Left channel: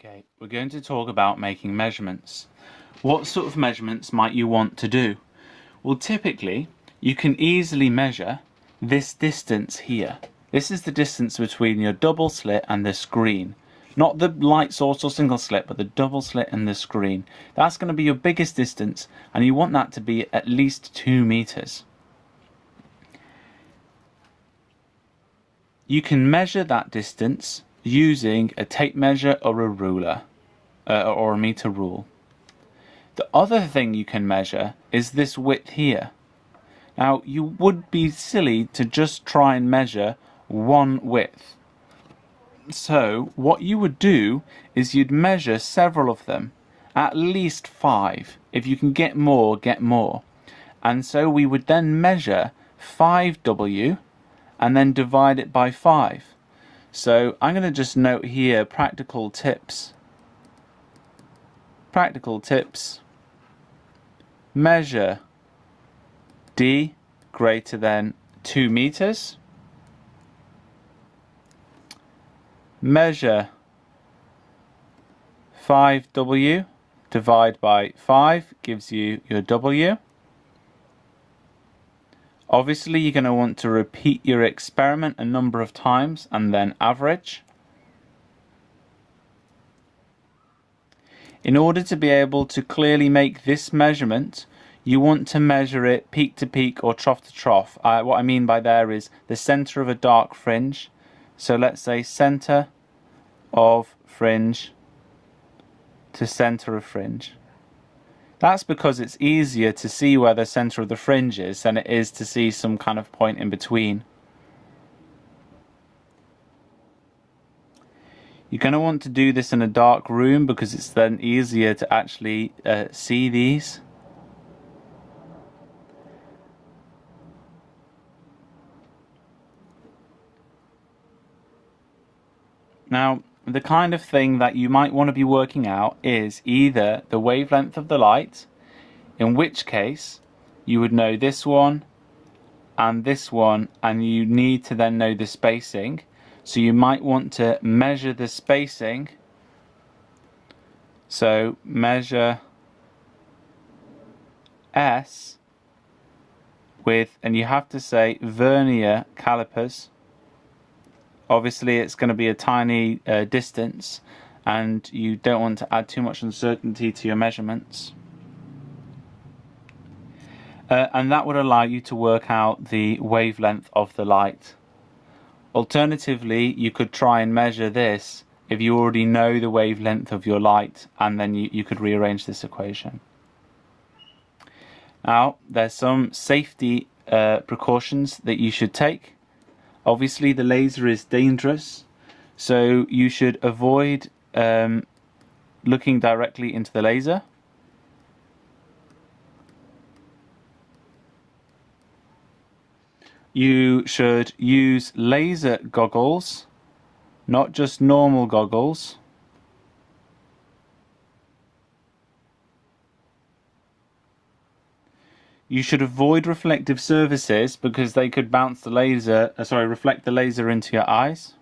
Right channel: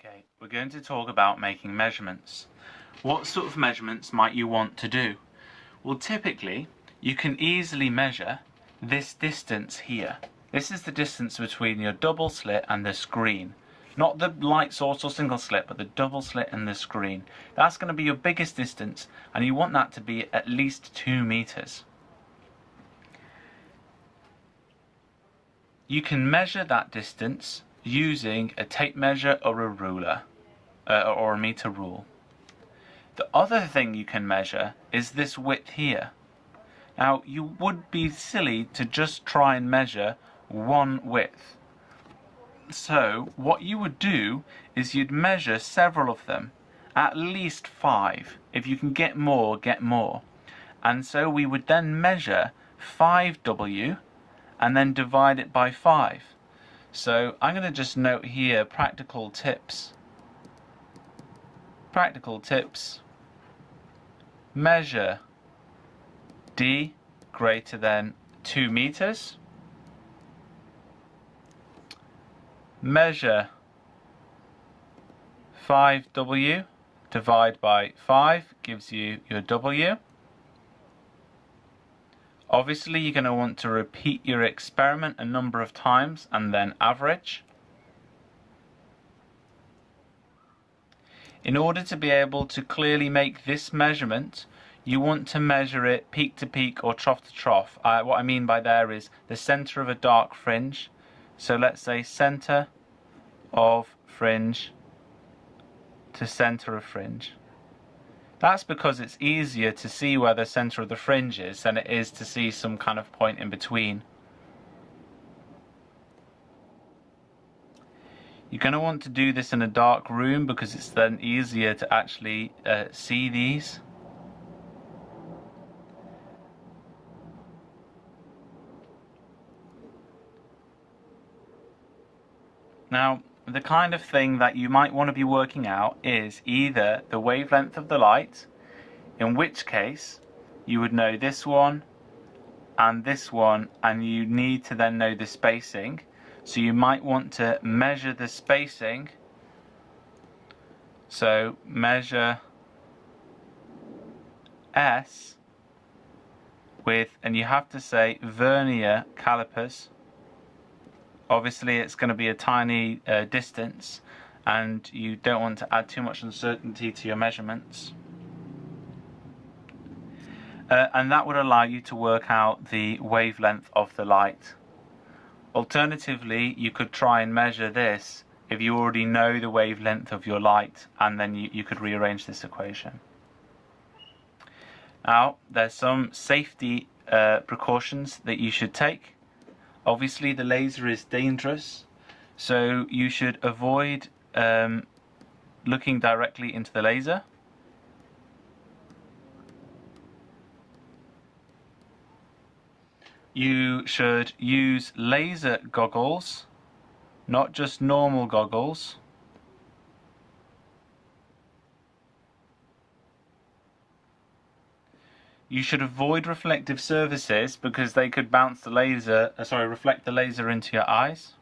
Okay, we're going to talk about making measurements. What sort of measurements might you want to do? Well, typically, you can easily measure this distance here. This is the distance between your double slit and the screen. Not the light source or single slit, but the double slit and the screen. That's going to be your biggest distance, and you want that to be at least 2 meters. You can measure that distance using a tape measure or a ruler, or a meter rule. The other thing you can measure is this width here. Now, you would be silly to just try and measure one width. So, what you would do is you'd measure several of them, at least 5. If you can get more, get more. And so we would then measure 5W and then divide it by 5. So I'm going to just note here practical tips. Practical tips. Measure D greater than 2 meters. Measure 5W, divide by 5 gives you your W. Obviously, you're going to want to repeat your experiment a number of times and then average. In order to be able to clearly make this measurement, you want to measure it peak to peak or trough to trough. What I mean by there is the center of a dark fringe. So let's say center of fringe to center of fringe. That's because it's easier to see where the center of the fringe is than it is to see some kind of point in between. You're going to want to do this in a dark room because it's then easier to actually see these. Now, the kind of thing that you might want to be working out is either the wavelength of the light, in which case you would know this one, and you need to then know the spacing. So you might want to measure the spacing. So measure S with, and you have to say vernier calipers. Obviously it's going to be a tiny distance and you don't want to add too much uncertainty to your measurements. And that would allow you to work out the wavelength of the light. Alternatively, you could try and measure this if you already know the wavelength of your light, and then you could rearrange this equation. Now, there's some safety precautions that you should take. Obviously, the laser is dangerous, so you should avoid looking directly into the laser. You should use laser goggles, not just normal goggles. You should avoid reflective surfaces because they could bounce the laser, reflect the laser into your eyes.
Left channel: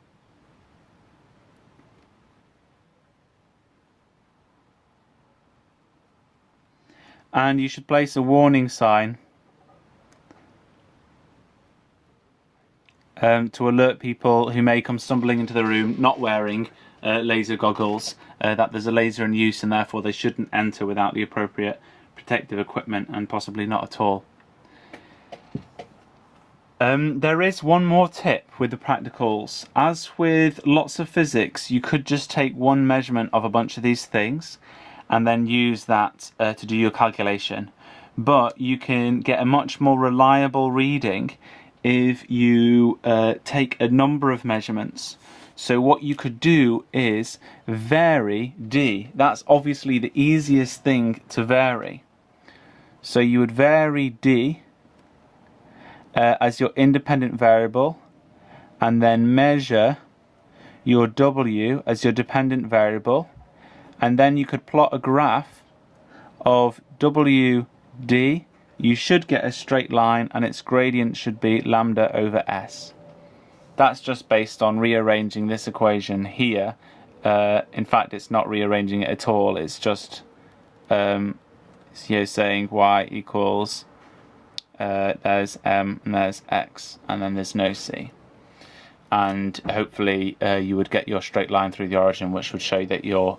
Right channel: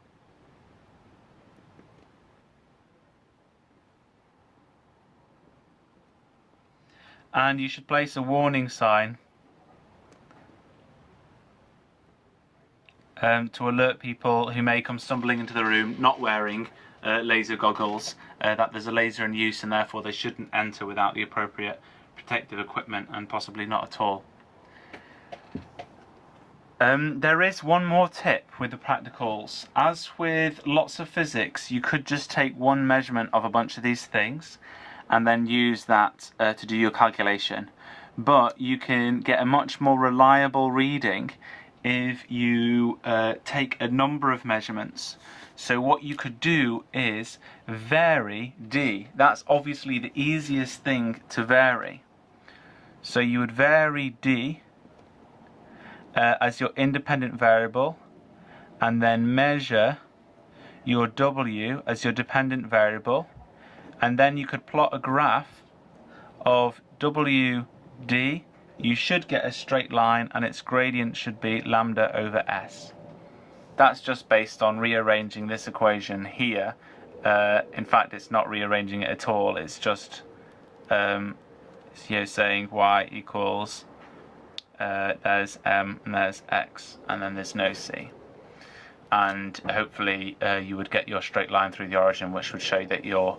And you should place a warning sign to alert people who may come stumbling into the room not wearing laser goggles that there's a laser in use and therefore they shouldn't enter without the appropriate protective equipment, and possibly not at all. There is one more tip with the practicals. As with lots of physics, you could just take one measurement of a bunch of these things and then use that to do your calculation. But you can get a much more reliable reading if you take a number of measurements. So what you could do is vary D. That's obviously the easiest thing to vary. So you would vary D as your independent variable, and then measure your W as your dependent variable, and then you could plot a graph of WD. You should get a straight line and its gradient should be lambda over S. That's just based on rearranging this equation here in fact, it's not rearranging it at all. It's just saying y equals there's m and there's x, and then there's no c. And hopefully you would get your straight line through the origin, which would show that you're